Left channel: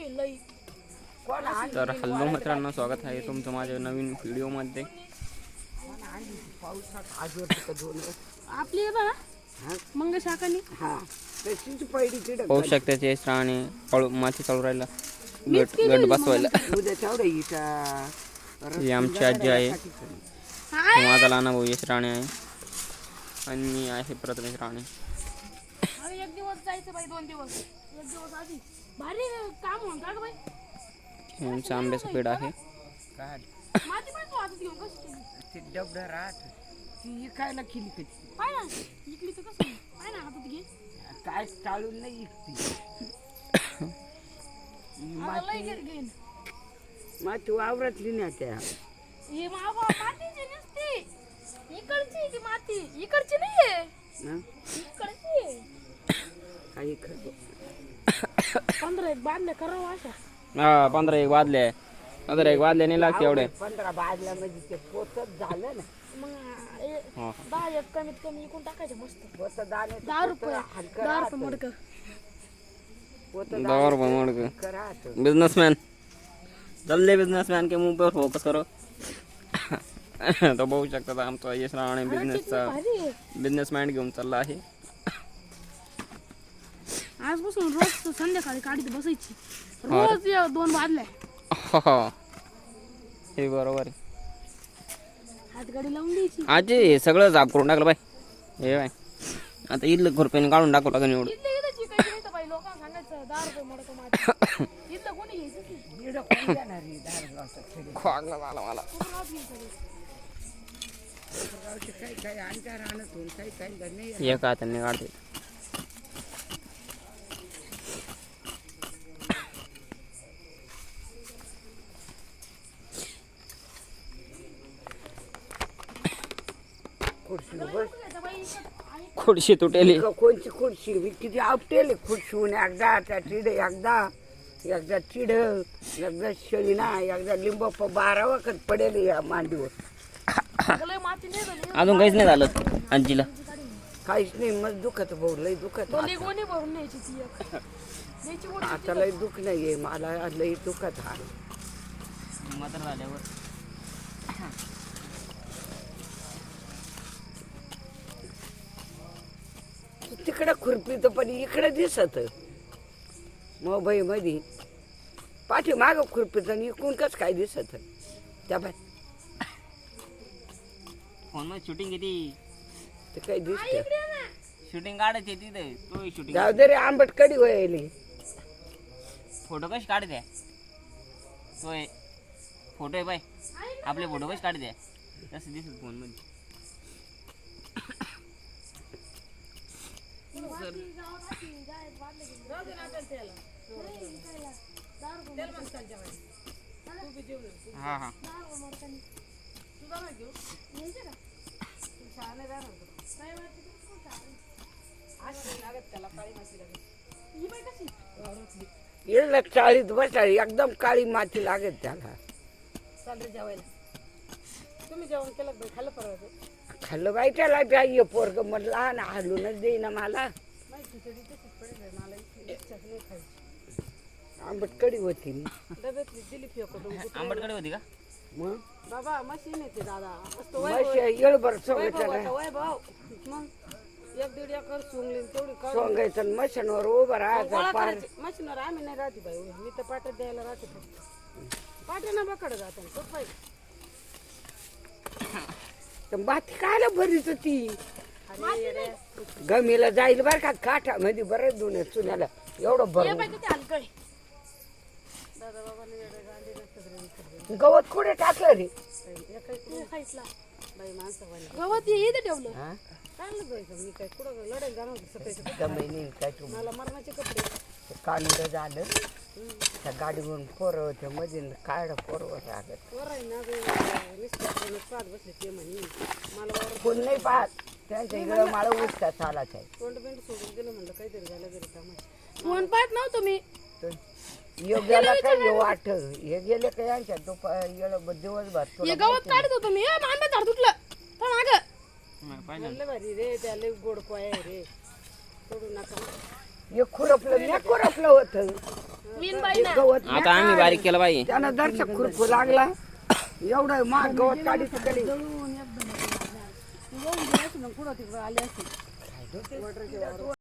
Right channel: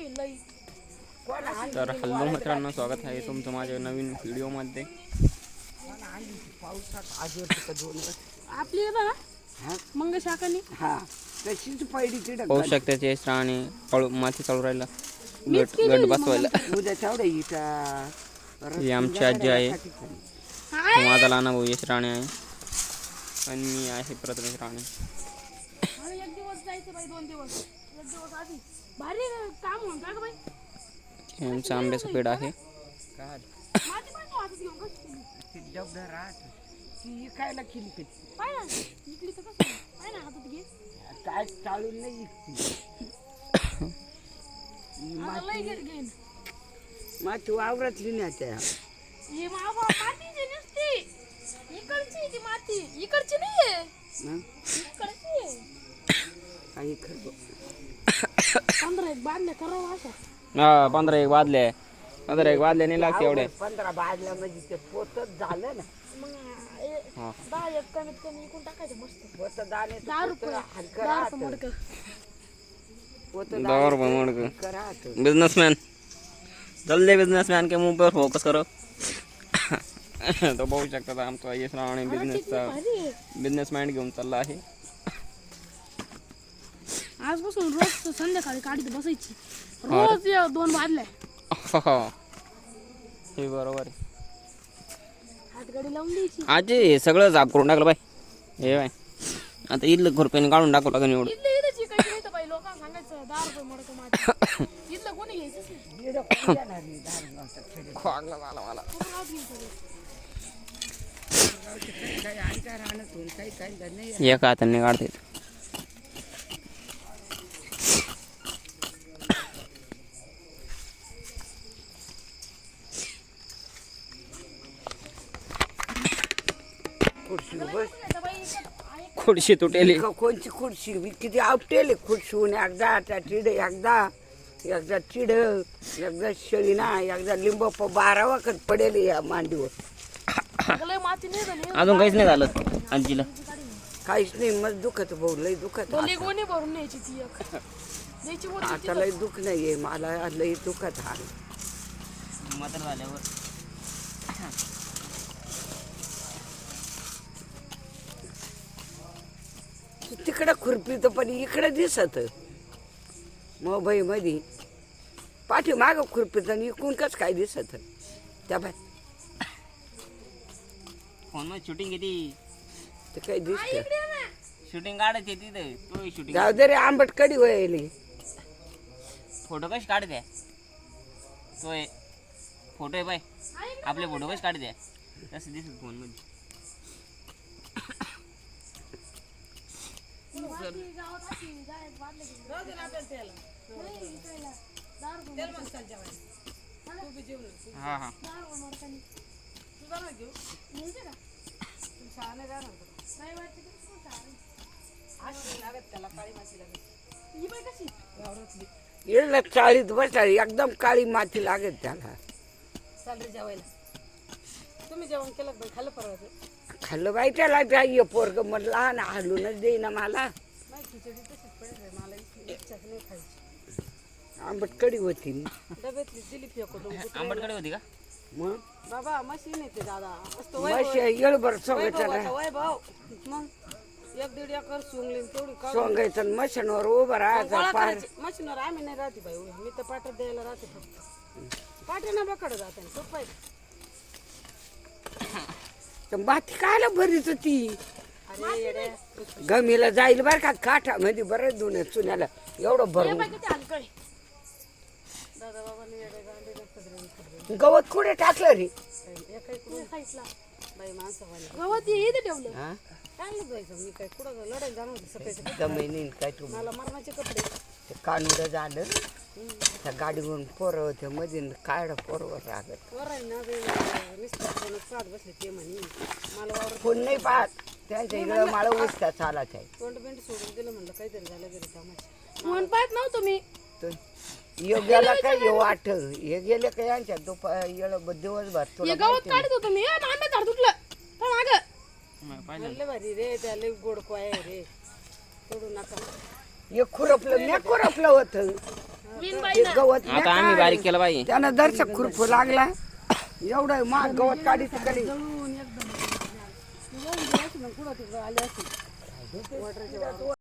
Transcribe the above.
तर हॅलो मित्रांनो, स्वागत आहे तुमचं माझ्या नवीन व्हिडिओमध्ये. आपली मंग शाकानी पाहू शकता ते आणि माती चालू राहिला गट बसवायला. ही आमची आजी आहे, माझा लहान भाऊ यश राणे आहे आणि मी आहे प्रथमेश राणे. एक दिवस जायचं बाई, 2 दिवस, एक दिवस आधी भारी काम होऊन का बाई. आमचा आंब्याचा पेड आहे. माती पण आधी घेऊन कसं ते डबडा राहत ती इकायला केली कधी काय ना इकली तर कसं काय ना हातात घे काय चालून नाही इकती माती वावरातली नाही त्या हे मावा मातीची नसती, इकडची ती माती, इकडची नाहीये, इकडची आहे. काही 15 एक बांधले करावं अशा. हा 15 एक वाजले नाही लागते एवढे. 15 बाजल्या म्हणजे ते पोतच झालं ना. मग 10 एक कमीत कमी इकून टाकायचं मस्त. पोत दाणे 10 रुपये हलकं 10 राहत रुपये मडकं. दौर बनवण राहत बिजनेसमैन जल्दी बिजनेसमैन के मुंह पर फोकस करो. तो बघू शकता आमचा यश राणे बिझनेस माइंड घेऊन चालला आहे. आजपासून रोज संध्याकाळी काढीत बसायची, रोज 2 बादल्या. हे बरोबर आहे. हातगाडी लावून द्यायची. आज हे सगळं जाग करून टाकलं बाय. हे बाय आता इथलं खुरप्याने काढून टाकू लागेल एवढं. इथं शिकायचं नाही तर बाई लोकांना सांगायचं 10 रुपये मडकं माती. इथलं कोणी घ्यायचंच नाही. दीड कोण देणार आहे 10 गावचा खेडे खोगला झाला मला. काही आणि काय राहणार थोडी काही नाही एक हाताने काढते. खुर्शी बस खुर्शी तुटेली. कोणची खुर्शी किती आवटेल खुर्शीहून एकदा त्या चिड एकदा चिड एकदा शेळीना एकदा लिंब 12 वखत पडेल या मांडीवर. लय माती नाही झाली. अजून काहीच नाही झालं आजीला. काहीच नाही मग दुखत भाऊ लय दुखत गोणी गोणी भरून न्यायची ती एक. द्यायची गोणी. आता लय दुख नाहीये मला लय दुखत आहे. मात्र झाल्यावर तिकडं खुरपीत पण इकडं दिसत मोबाईल मध्ये पाठी माग खुरपीत आणि इकडून कस काय दिसत त्या बाय फोन मध्ये शूटिंग किती ते काही दिसत शूटिंग काढायची तिथे तो शूटिंग जाऊ दे रे आंबट कडी व्हायली. फोटो कशी काढते तो फोटो आहे बाय आपले फोटो कशी काढते तसं दिसत फोन मध्ये. हा हा येईल चाळीत बसाळी एकदम काळी माती लागेल त्याला. तुम्ही जेवण केलं बाई, खाल्लं परत. खाल्लं बाई त्याला त्या पोरग म्हटलं लहान हालूनच देईना मला. आंबट कडी होती डब्यातली दिली फेकून. आंबटकडे होती का मग बाबा मशीन येते दादा. येळभर सोंगायचं वय भाऊ मग 1-1.5 एकर सोंगली तेवढी काढून सोंगायचं मशीनवर उभं राहायचं गोळा पार. करायची. मशीनवर आम्ही नाही राहते बाई उभी. मी तर पाट्यात द्यायला राहते फक्त. पाट्यानं बकडं जाते खूप पाहिजे. तर माती खायला बरीच होती. अरे येड्या. गमीला जाईल बरं का काठामध्ये बरं दोन चुन्याला एवढं हे भरून बाई किती हलकं आहे. दादा बाबांनी येडे गांडे सगळे गवत कुठे टाकलं रे. खायला बाई माणसं व्हायला गवत हे इथं ठेवलं. हा? चांगलं जायचं. मी काय कुठं लढायला जाणार होते सकाळी. दमाई नाही काय तू मला मरणाचे कपडे. ते कांड झालं त्या गाडीवरून पोरं होते मध्ये काढ पोरवर राहत वर आहे ना ते मिस्टर पाहत बसले ते म्हणे मला वावर कोण नाही पाहत त्यांच्या इकडं मला उठता चालत आहे. तोंड बिंड सोडून दिलं म्हणलं काहीतरी झालं घरी कामाची. फोन पाहत नव्हतो मी. यो गेला काय यो वाट हे गेले काय यांच्या दिवसभर हे गवत काढत होतो मी. आंबे झाड तुटलं पण अगं पाहिलं भारी रे. त्याला गोड पाय रे. सोडू नका. हे खुरपलं होतं मीन बाई ना गवत आता आम्ही बारीक केलं पाहिजे. त्यानं दर्शक खुरपू लागला एवढं माग गवत काढीत कधी